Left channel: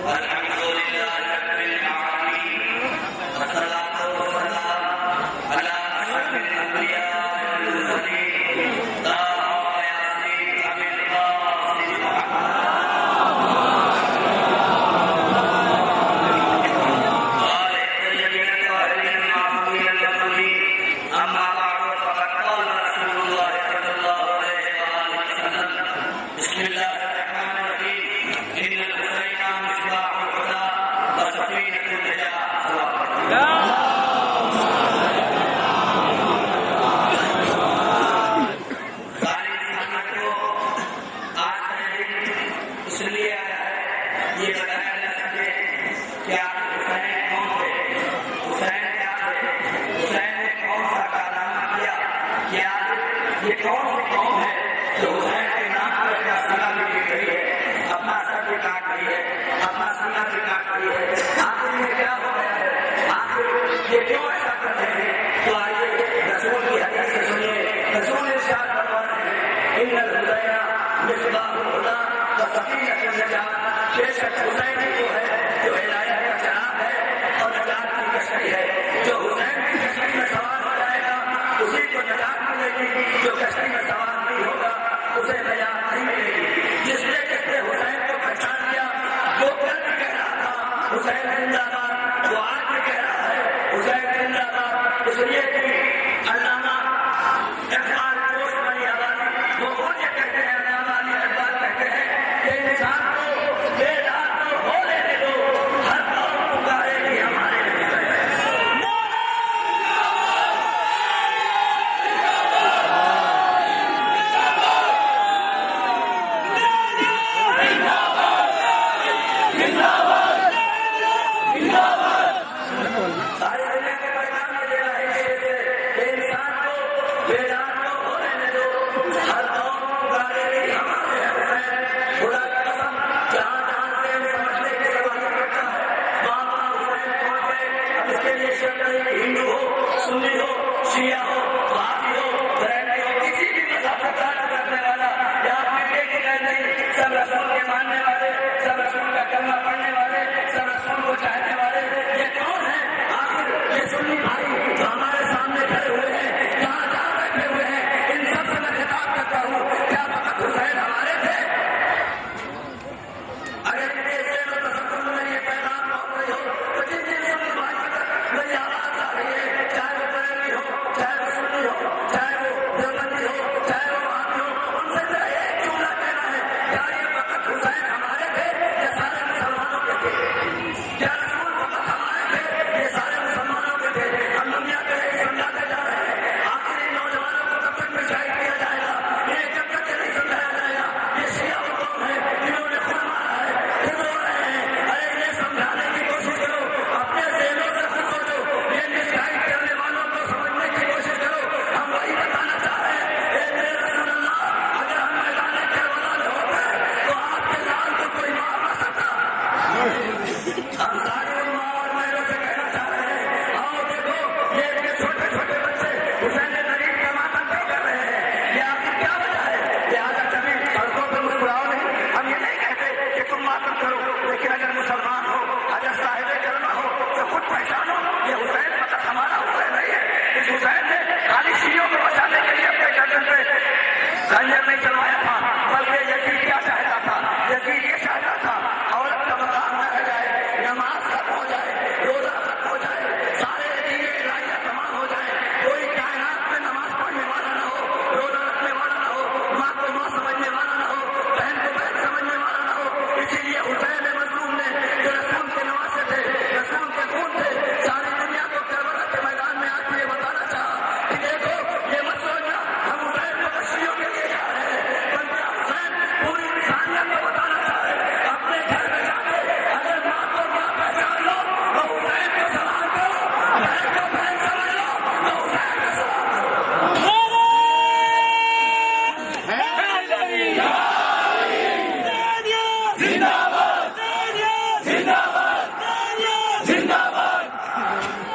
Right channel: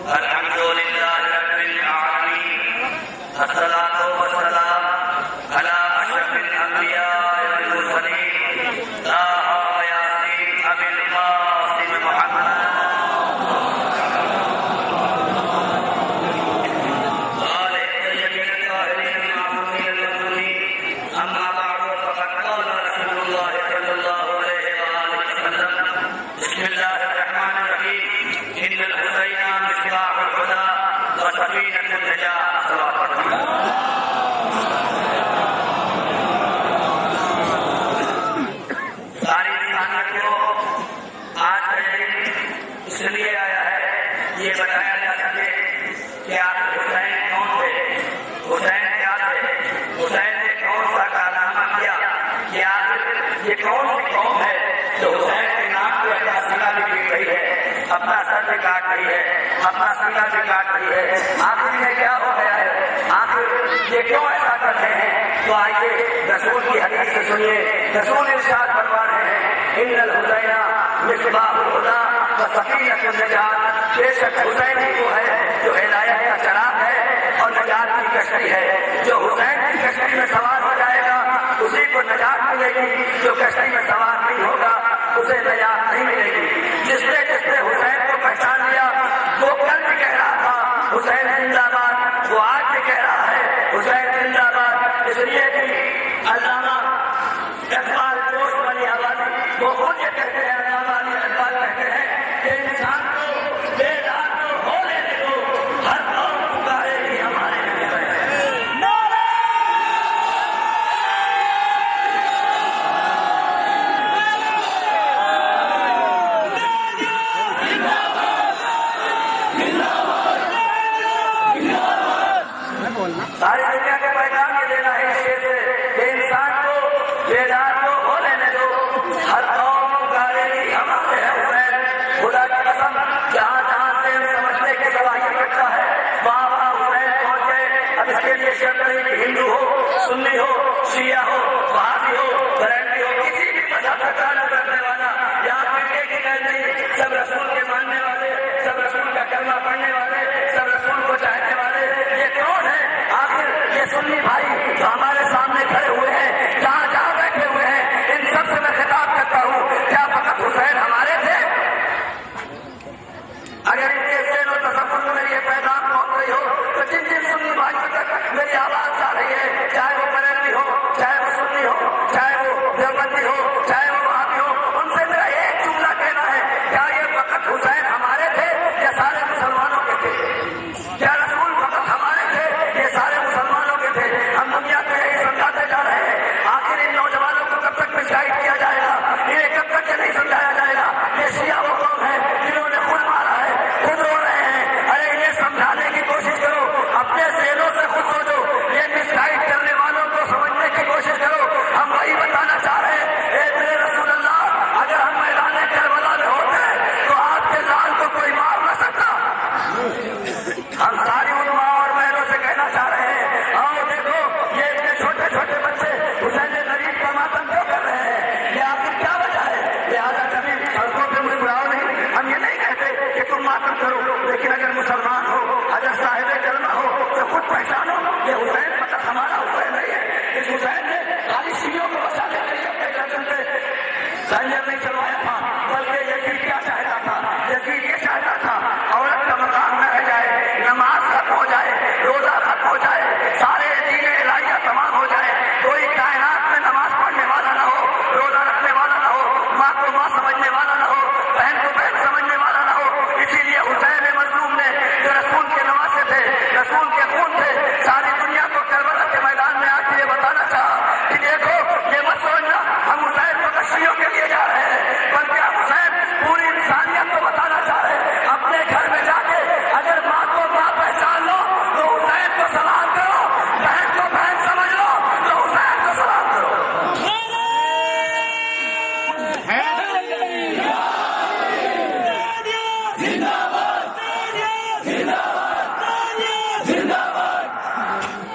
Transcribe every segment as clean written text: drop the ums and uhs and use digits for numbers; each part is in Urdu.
الحمد لله رب العالمين والصلاة والسلام على أشرف الأنبياء والمرسلين طه ياسين أبي القاسم محمد وآله الطيبين الطاهرين المعصومين المظلومين. أما بعد فقد قال رسول الله صلى الله عليه وآله وسلم: بسم الله الرحمن الرحيم. إن الحسين مصباح الهدى وسفينة النجاة. ساری انسانیت کو آج کا دن اس لیے آیا ہے یہ بتایا جا سکے کہ آپ حسین کون تھے، حسین کیا تھے، حسین نے کون سا کارنامہ کیا، کہ آپ یہ کون سی قوم ہے جو حسین کے نام پہ اپنا سینہ بھی لکھ رہی ہے، اپنا سر بھی کاٹ رہی ہے، اپنا سینہ بھی کاٹ رہی ہے. آخر میں کیا ہو گیا ہے، آخر یہ کیوں ایسا کر رہے ہیں؟ تو آئیے رسول کی حدیث سے سنیے. رسول ارشاد فرما رہے ہیں: ان الحسین مصباح الہدی وسفینۃ النجاۃ. بے شک حسین ہی وہ ہے جو ہدایت کا چراغ ہے اور نجات کی کشتی ہے. جو حسین کی کشتی میں سوار ہو جائے گا اسی کو نجات ملے گی، جو کشتی میں سوار نہیں ہوگا اسے نجات نہیں ملے گی. جس نے حسین کو پہچان لیا وہ کل بھی کہہ رہا تھا حسین زندہ باد، وہ آج بھی کہہ رہا ہے حسین زندہ باد. اس لیے کہ علامہ اقبال جوش والی آبادی وہ خود یہ کہتے ہیں، علامہ علی اقبال کہتے ہیں کہ انسان کو بیدار تو ہو لینے دو، ہر قوم پکارے گی ہمارے حسین. ساری دنیا کے پیغام میں دینا ہے اس سے کہ انسان کو بیدار تو ہو لینے دو، ہر قوم پکارے گی ہمارے حسین. خدا کی قسم جہاں جہاں سے سمجھنے کی صلاحیت رکھتا ہے وہاں وہاں حسین پہنچ گئے. اب اس کے لیے شرط ہندو ہو، سنی ہو، شیعہ ہو، وہابی ہو، بریلوی ہو، کسی بھی مذہب کا تعلق رکھنے والا یا فرقے کی قید نہیں، سب رسول کے ماننے والے، سب رسول کا کلمہ پڑھنے والے، سب رسول کو چاہنے والے. یہ کون ہے آخر؟ یہ سنی بھائی جو ہمارے سامنے کھڑے ہوئے ہیں، جہاں جہاں بیٹھے ہوئے ہیں، ان سب سے میں خطاب کرتا ہوں، کیا فقط حسین ہمارے تھے؟ اگر ان کے ذہن و تصور میں میری یہ پیغام پہنچ رہی ہو تو جن جن سنی بھائیوں تک میری آواز جا رہی ہے، چاہے وہ بریلوی ہو، چاہے وہ سنی ہو، چاہے وہ دیوبندی ہو، چاہے وہ وہابی ہو، ان سے میرا ایک جملہ کہنا ہے: کیا یہ فقط حسین ہمارے تھے یا سارے مسلمانوں کے تھے؟ کیا رسول فقط ہمارے تھے یہ سارے مسلمانوں کے تھے؟ ہم دنیا کو یہی سمجھاتے جا رہے ہیں. آخر ان نوجوانوں کو کب تک مشاہد کیا جائے گا؟ یہ کب تک نہیں سمجھایا جائے گا؟ یہ شیعہ وہ قوم ہے جنہوں نے خود مارا ہے، خود رو رہے ہیں. ارے انہیں سمجھانے کی کوشش کرو، اپنے ذہنوں سے خود سوچو. یہ مشاہد کرنے والوں کو سمجھنے کی کوشش کرو. ہم وہی بتانا چاہ رہے ہیں: اے میرے رسول اللہ، اگر ہم میدان کربلا میں ہوتے تو آپ کے لال کو کوئی مار نہ سکتا. ہم ساری علماء اور بہنوں سے کہنا چاہ رہے ہیں: آؤ دیکھو یہ اتنے چھوٹے چھوٹے بچے حسین غریب کا ماتم کیوں کر رہے ہیں؟ یہ آخر کیا وجہ ہے؟ لہٰذا کبھی سڑکوں پہ مسکراؤ نہیں. ہم یہ نہیں کہتے کہ تم ماتم کرو، لیکن اگر مسلمان ہو، اگر صاحب کلمہ ہو تو خود پہچانو یہ حسین فقط ہمارا حسین نہیں ہے. اس حسین نے خالی شیعوں کو بچانے کے لیے اپنے گردن پہ خنجر نہیں چلوایا تھا، بلکہ یزید کیا چاہتا تھا؟ یزید یہ چاہتا تھا عورت کا مقام نہ رہ جائے، نماز ختم ہو جائے، روزہ ختم ہو جائے، سارے دین الہیہ تمام ہو جائے، کوئی کائنات میں نماز پڑھنے والا نہ ہو، روزہ رکھنے والا نہ ہو، ماں کو ماں سمجھنے والا نہ ہو، بہن کو بہن سمجھنے والا نہ ہو. اسی لیے حسین مظلوم نے جو رسول کے نواسے تھے، رسول کے خون تھے، ساری دنیا کو کربلا کے میدان میں آ کے یہ بتانا چاہا کہ دیکھو یہ مت سمجھنا ہم حسین کو کشتیوں کے لیے جا رہے ہیں، بلکہ ہم حسین پوری انسانیت کو بتانا چاہ رہے ہیں. اپنے گھر میں جا کے اگر ماں کو ماں پہچان لو تو حسین کو سلام کرو، بہن کو بہن سمجھ لو تو حسین کو سلام کرو.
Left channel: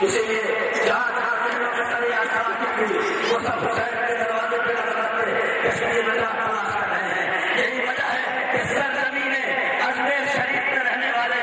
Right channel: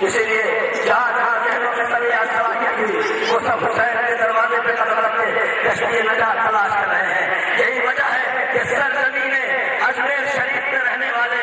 اسی لیے جہاں جہاں ذہنوں میں سریا صلاحیت تھی وہ سب حسین کے دروازے پہ قدم رکھتے کشمیر میں جا تلاش کر رہے ہیں. یہی وجہ ہے کہ سرزمین اجمیر شریف میں رہنے والے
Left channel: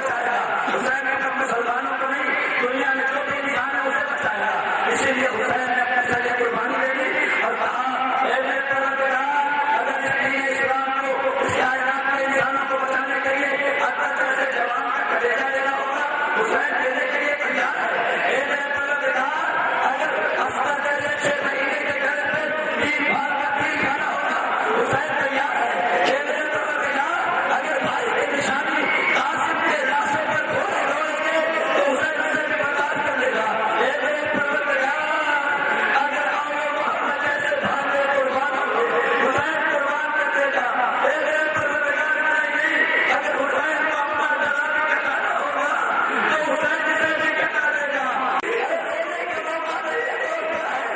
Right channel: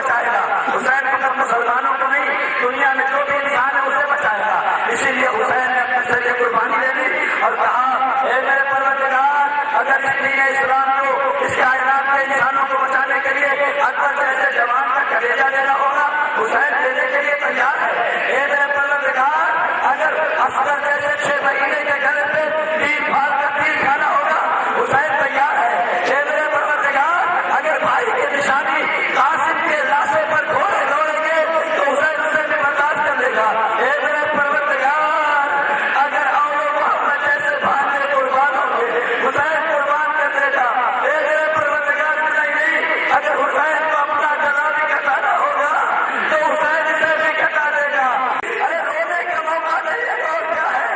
بچائے گا. حسین صرف مسلمانوں کو نہیں, دنیا میں جو بھی انسان ہے اسے بچائے گا. اسی لیے حسین نے اپنے سے یہ قربانی دے دی اور کہا اے میرے پروردگار, اگر اس دین اسلام کو, اس کائنات کے انسانوں کو بچانے کے لیے اکبر جیسے جوان کا کلیجہ لینا ہوگا, حسین دینے کے لیے تیار ہے. اے میرے پروردگار, اگر اصغر جیسے 6 مہینے کے گھر پہ 3 بھال کا تیر کھانا ہوگا, حسین تیار ہے. اے میرے پروردگار, اگر بھائی کی نشانی قاسم کے راستے پر گھوڑے دوڑیں گے تو حسین اسے بھی برداشت کر لے گا. اے میرے پروردگار, اگر اولو محمد جیسے بھائی قربان ہوں گے, حسین قربان کر دے گا. اے میرے پروردگار, نہیں, اگر حسین کو اپنا گلا بھی کٹانا ہوگا تو حسین اسے بھی کٹا دے گا. ارے رونے کا موقع نہیں ہے تو کیا ہے,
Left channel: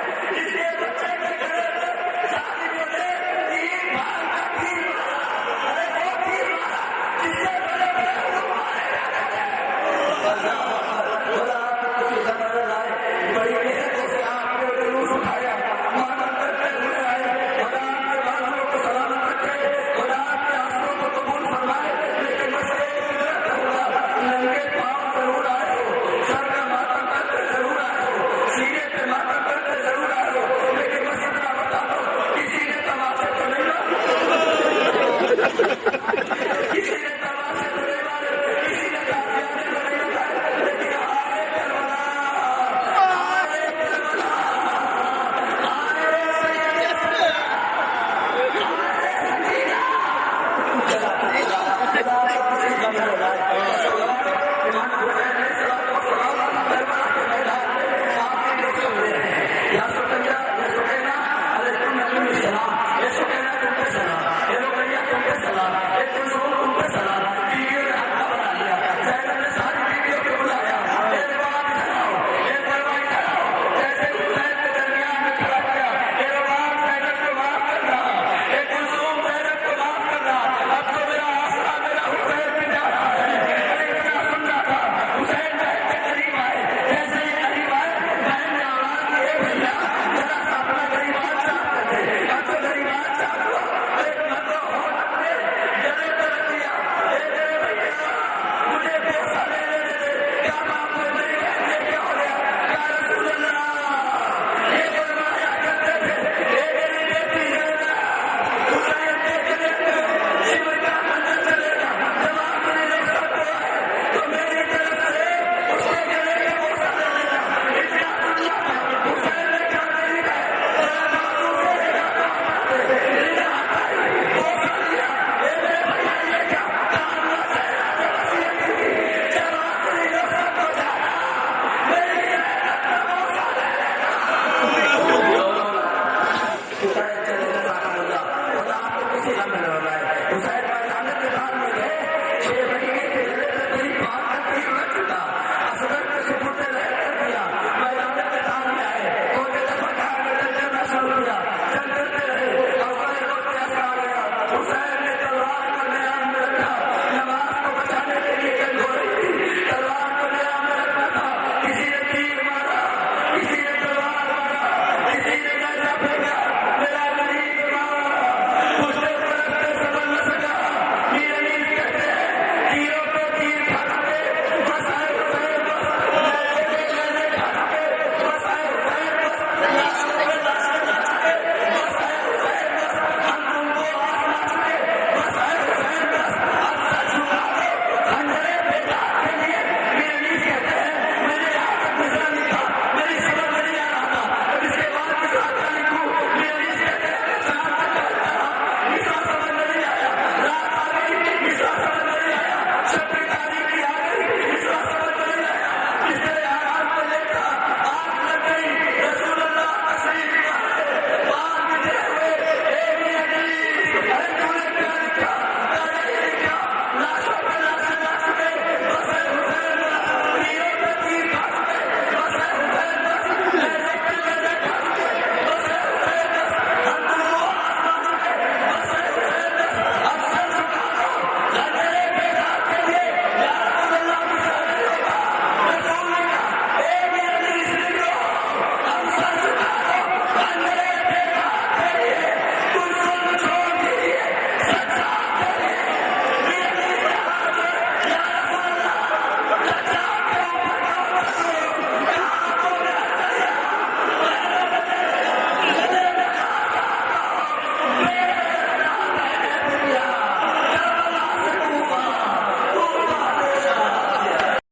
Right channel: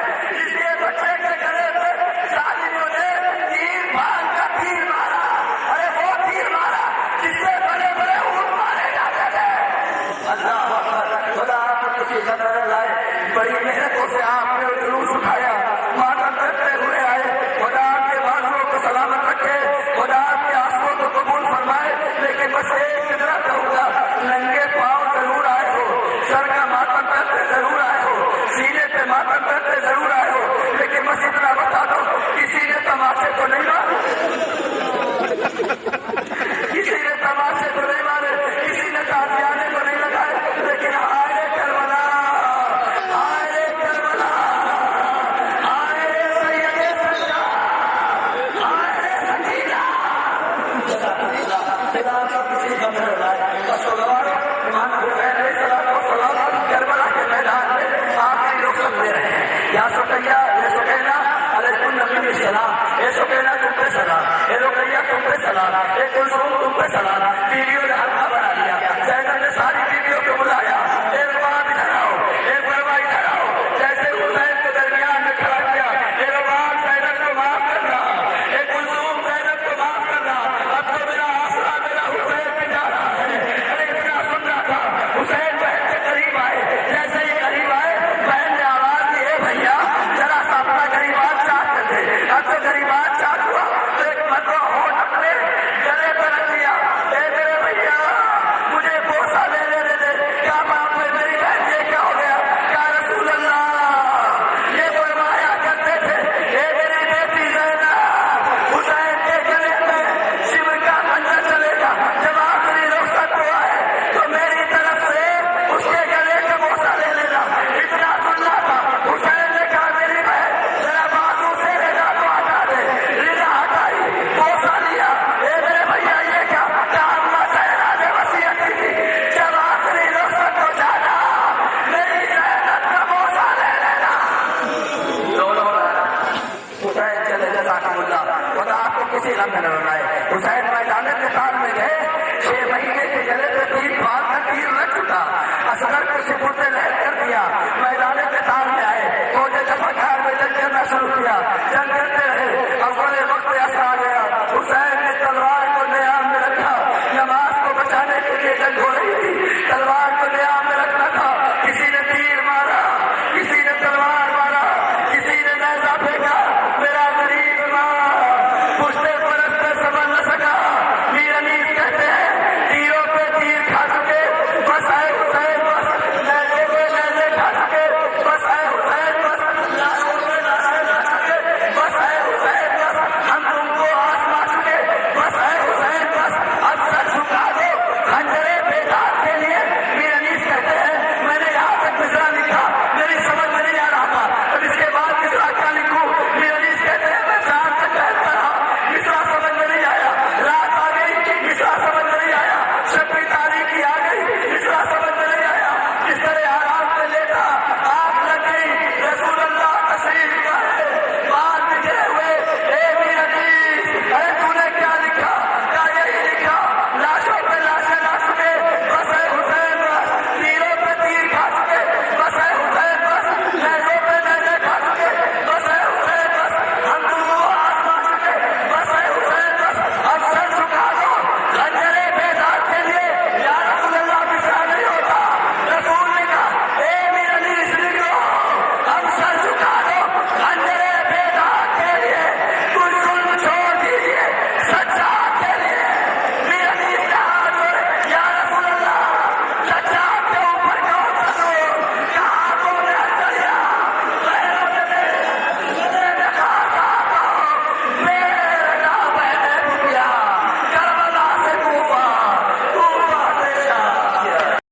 اس کے بچے کے گلے پہ ظالموں نے 3 بھال کا تیر مارا. ارے وہ تیر مارا جس سے بڑے بڑے اونٹ مارے جاتے تھے. اللہ